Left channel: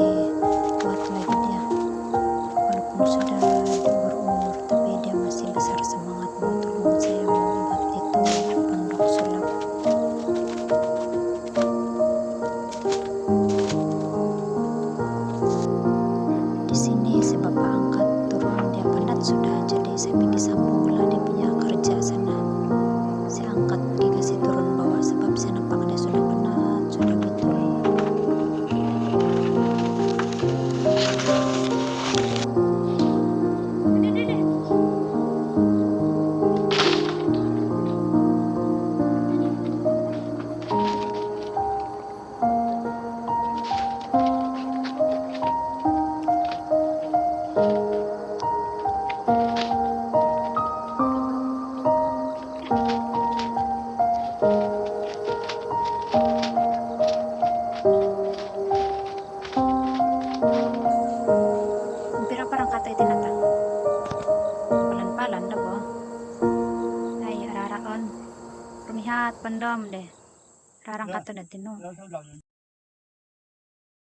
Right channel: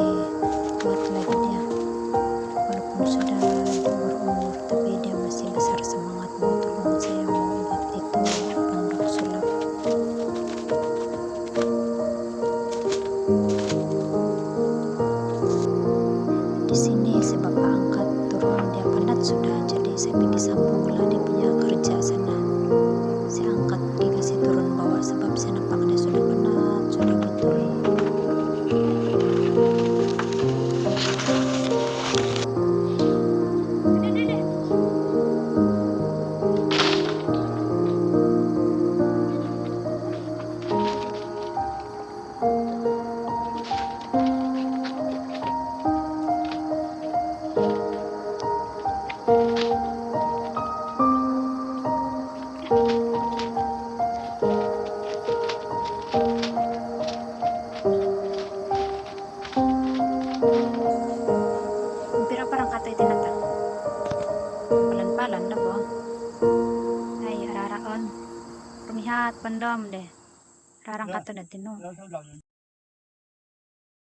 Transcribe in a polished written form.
masih kuat lagi dia, walaupun sudah berumur, tapi dia masih besar semangat mau tolong saya mau buat itu pondok sulap. Di sini si bapak angkat turun, dia penat sudah, jadi saya pergi sambung lah dia punya kerja sana. Saya angkat pergi kasih turun bawah sebab saya nampak dia sudah penat, sudah betul. Pira parang katoy tinata. Palan-palan na bo. Ay, araraon. Rumihat, bandam deh. Rarang kato na tino.